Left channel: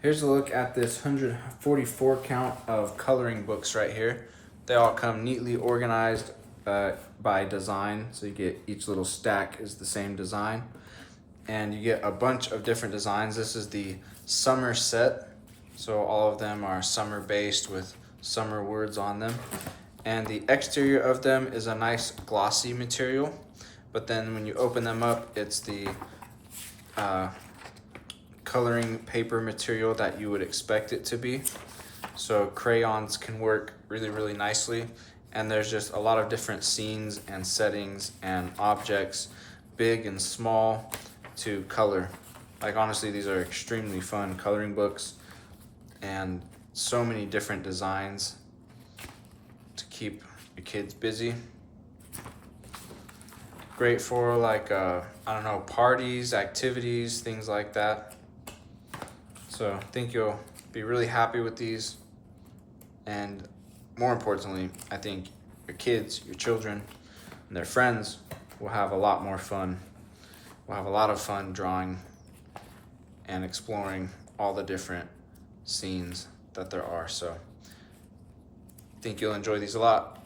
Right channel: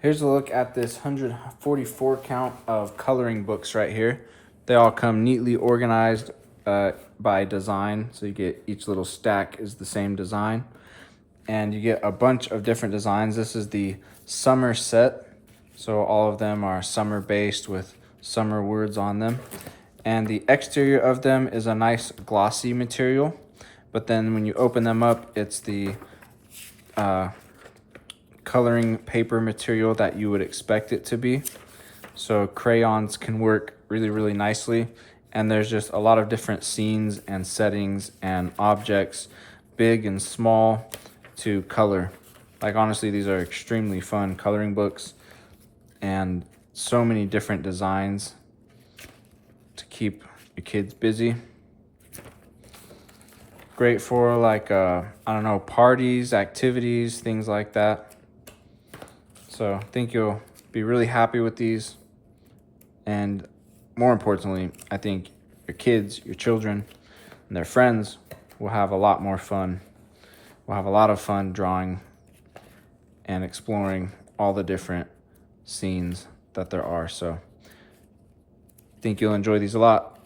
Here's a look at this 144 count of coloring books right here. They all come neatly organized by design. So you get each little stack is the same design. And you get a bunch of different designs. This is the summer set. So all of them are summer based with summer words on them. And the exterior of them is a nice glossy material. But then when you open them up, it's the coloring paper material that you would expect it to be. So crayons can work really, really nicely. And there's just a lot of different scenes and settings and objects, big and small, to color. Like honestly, these are extremely fun coloring books and so many different designs to keep your kids busy. Great for like, I don't know, parties, activities, things like that. So I think you'll be really happy with these. And more importantly, I think your kids, your children, and their friends will have a lot more fun. We'll have a lot of fun drawing and exploring all the different scenes that there are. So I think you'll enjoy these a lot.